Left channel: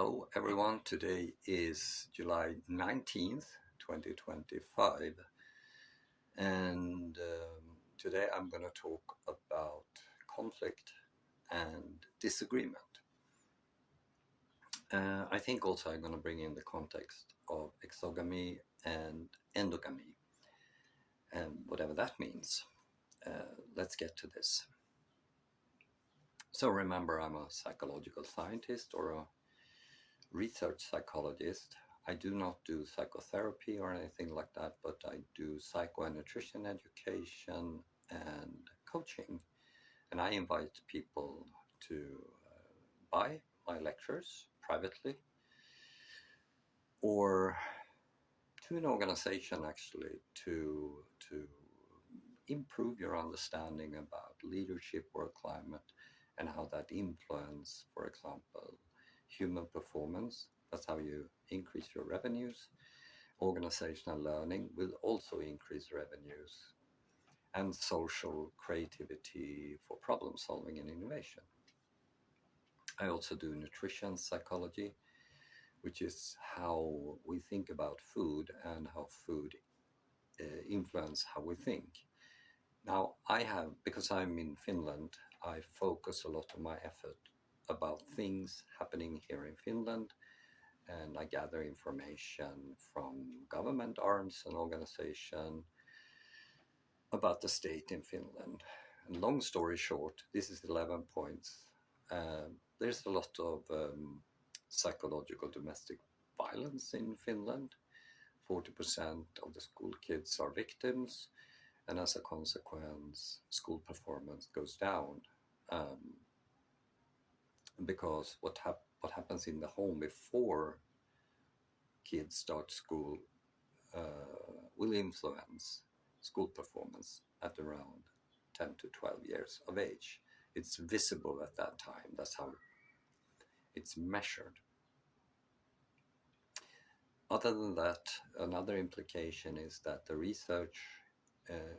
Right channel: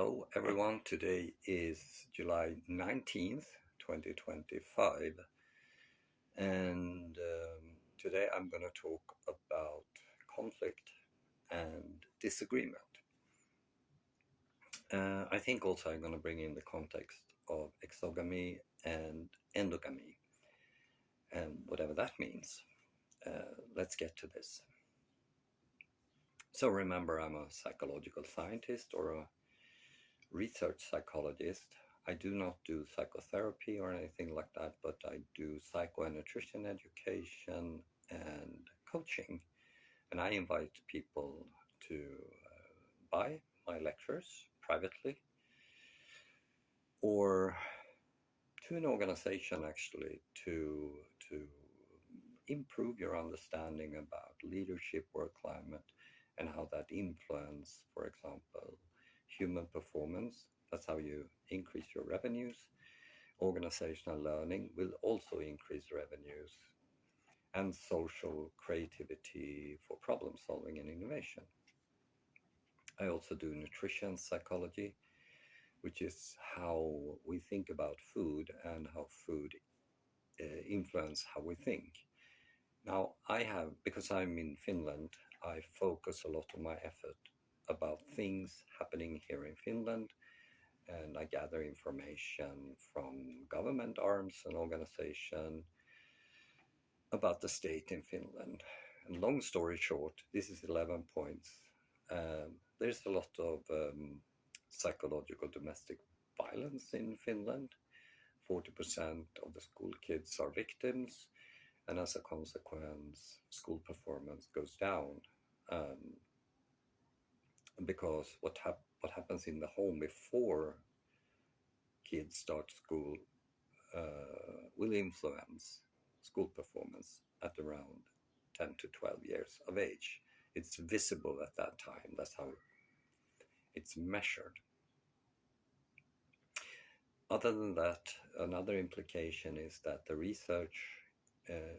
Hello everyone, today is July 19th, 2025, and today I'm going to talk about conflict and disagreement. I think also I'm going to bring in the context of exogamy and endogamy, and whatever that means. Let's get to this. So remember, I'm a psychological scientist or a research psychologist. I do not do psychotherapy or anything like that, but I do psycho and nutrition education and coaching. And I invite people to buy my lectures privately or to an organization actually to improve your understanding about leadership, work climate, and how that influence, for example, human performance. That's how you increase your revenues. Organizational learning will also increase revenues, and social creativity for problem solving and innovation. I also do nutrition psychology, which is how we think about food and how food influence how we think. Now, because I'm in Finland, I focus a lot of my effort about things happening here in Finland, and I gather information from government arms and organization about the state in Finland. And long story short, this is 11 points. There's a lot of psychological domestic violence in Finland. 40% of the school kids are victims, and as a consequence, school performance goes down. Because what happens in the home before kids start school will influence school performance at around 10 to 12 years of age. It's visible at that time. That's how it's measured. Other than that, another implication is that the research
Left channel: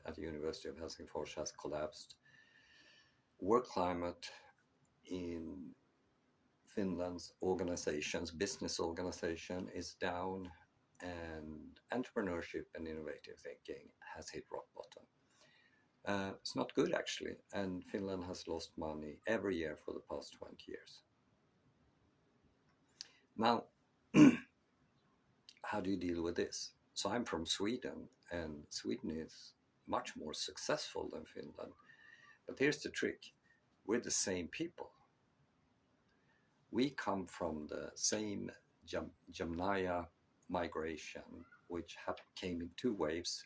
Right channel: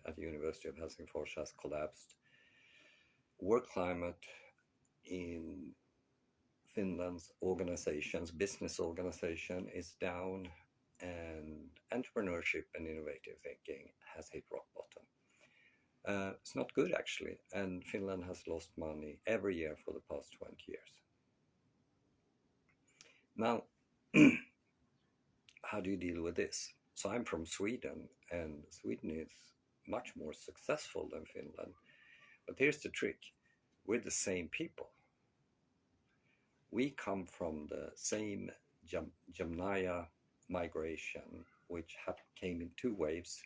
at the University of Helsingfors has collapsed. Work climate in Finland's organizations, business organization, is down, and entrepreneurship and innovative thinking has hit rock bottom. It's not good actually, and Finland has lost money every year for the past 20 years. Now, how do you deal with this? So I'm from Sweden, and Sweden is much more successful than Finland. But here's the trick. We're the same people. We come from the same Jamnaya migration, which came in two waves,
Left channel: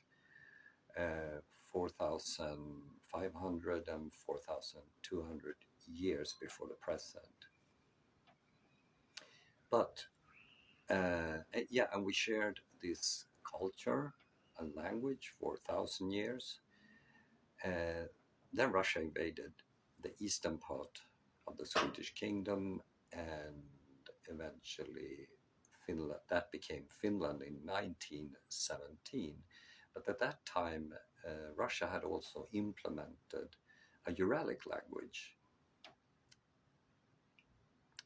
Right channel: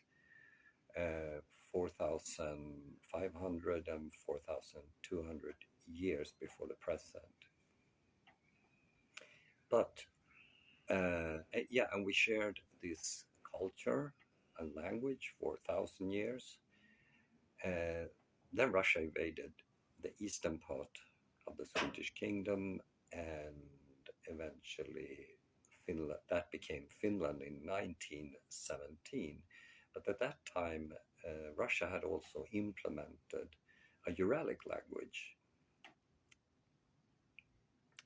4,500 and 4,200 years before the present. But and we shared this culture and language for 1,000 years. Then Russia invaded the eastern part of the Swedish kingdom, and eventually Finland, that became Finland in 1917. But at that time, Russia had also implemented a Uralic language.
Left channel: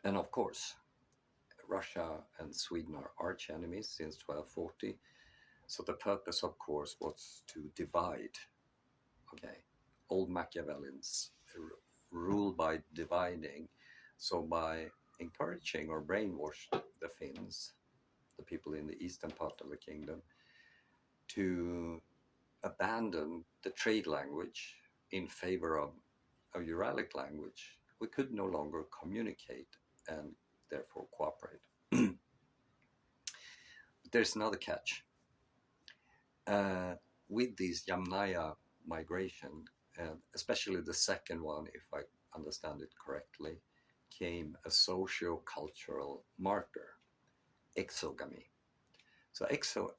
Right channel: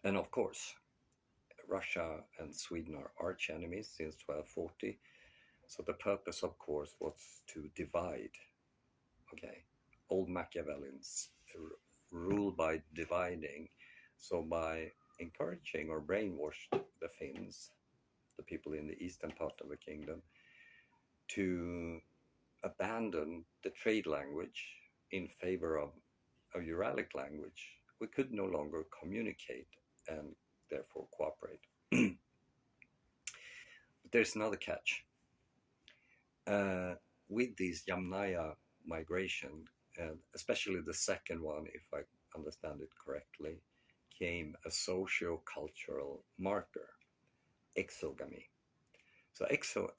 And of course, Russia and Sweden are arch enemies since 1240. So the purpose, of course, was to divide. Okay, old Machiavellians rule by dividing. So by encouraging or brainwashed the Finns, the people in the eastern part of the kingdom, to abandon the trade language in favor of a Uralic language, we could no longer communicate and therefore cooperate. But there's another catch. With these Yamnaya migration, especially the second one, if I understand it correctly, came a socio-cultural marker, exogamy. So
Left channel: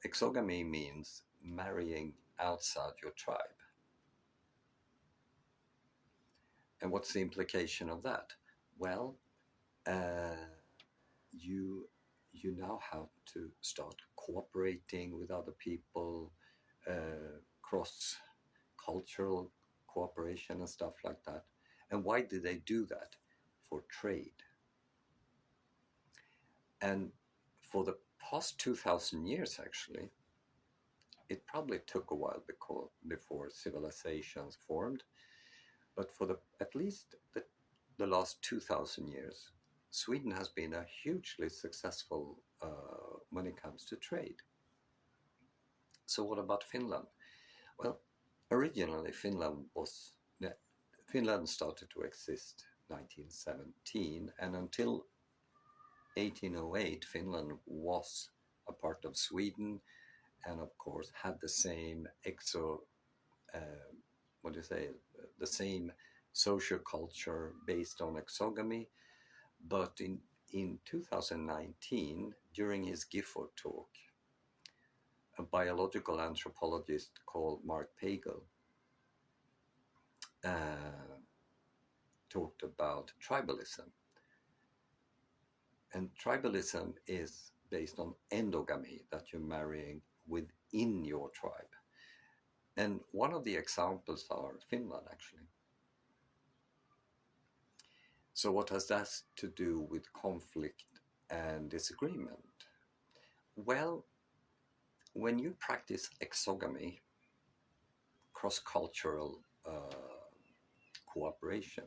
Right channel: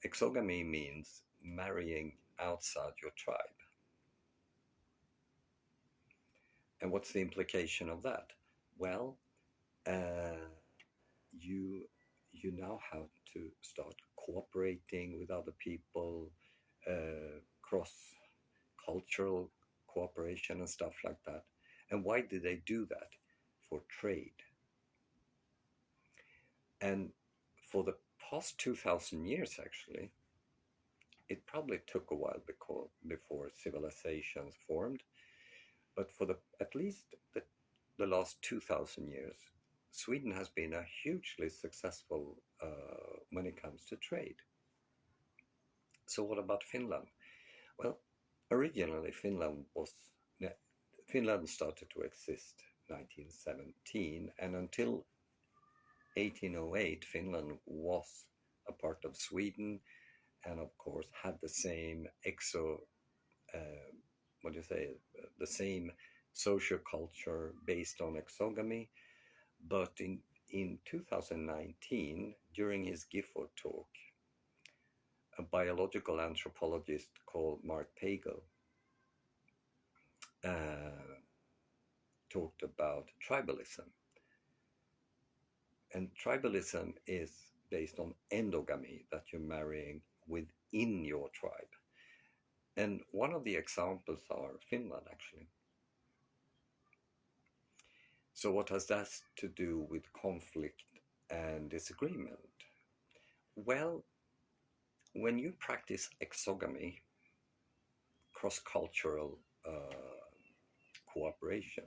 exogamy means marrying outside your tribe. And what's the implication of that? Well, you now have to start cooperating with other people, cross-cultural cooperation and stuff like that. And why did they do that? For trade. And for the past 2,000 years, actually, it probably took a while before civilizations formed. But for at least the last 2,000 years, Sweden has been a hugely successful when it comes to trade. So what about Finland? Well, originally Finland started to exist 1917, and until 1808, Finland was a part of Sweden, and of course had the same what do you say, the same social culture based on exogamy. But in 2019, during his Gifford talk, a biological anthropologist called Mark Pagel talked about tribalism. And tribalism is based on endogamy, that you're marrying within your tribe. And one of the examples are Finland, actually. So what has that to do with conflict and disagreement? Well, when you practice exogamy, cross-cultural cooperation,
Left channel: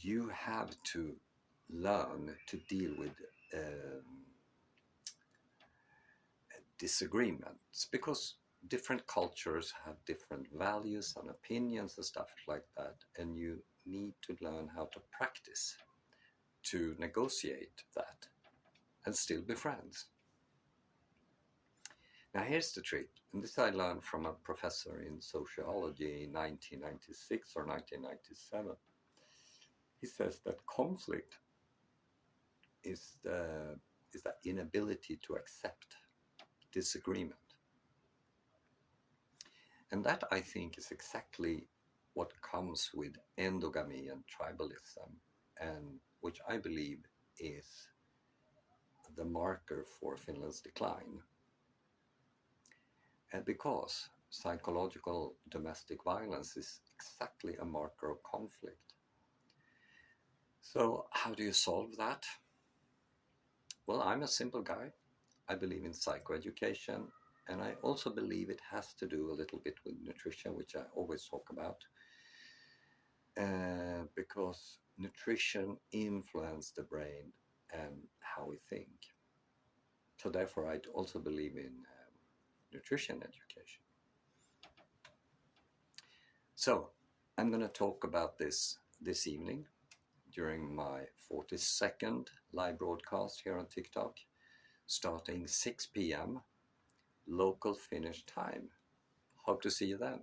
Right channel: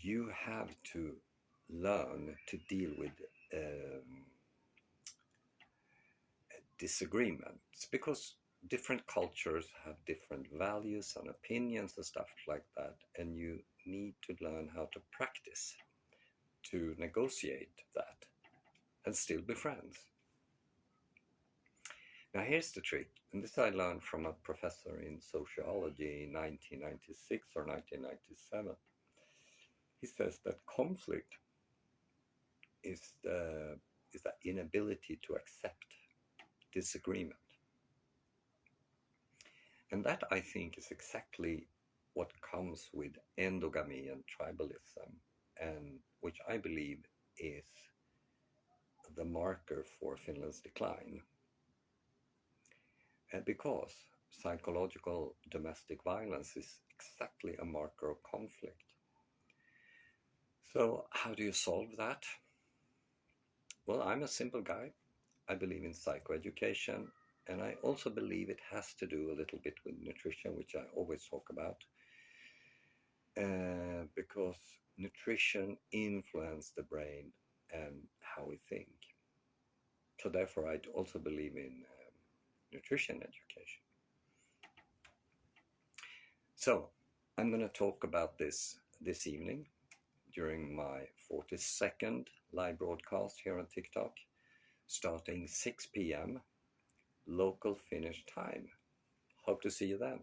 you have to learn to deal with disagreements, because different cultures have different values and opinions and stuff like that, and you need to learn how to practice to negotiate that and still be friends. Now here's the trick, and this I learned from a professor in sociology in 1996 or 1997. He says that conflict is the inability to accept disagreement. And that, I think, is exactly what comes with endogamy and tribalism, and which I believe is the marker for Finland's decline. And because psychological domestic violence is exactly a marker of conflict. So how do you solve that? Well, I'm a simple guy. I believe in psychoeducation, and I also believe it has to do a little bit with nutrition, which I always talk about, because nutrition influences the brain and how we think. So therefore, I also believe in nutrition education. So I'm going to talk about this evening during my 42nd live broadcast here on TikTok, starting 6 p.m. local Finnish time. Hope to see you then.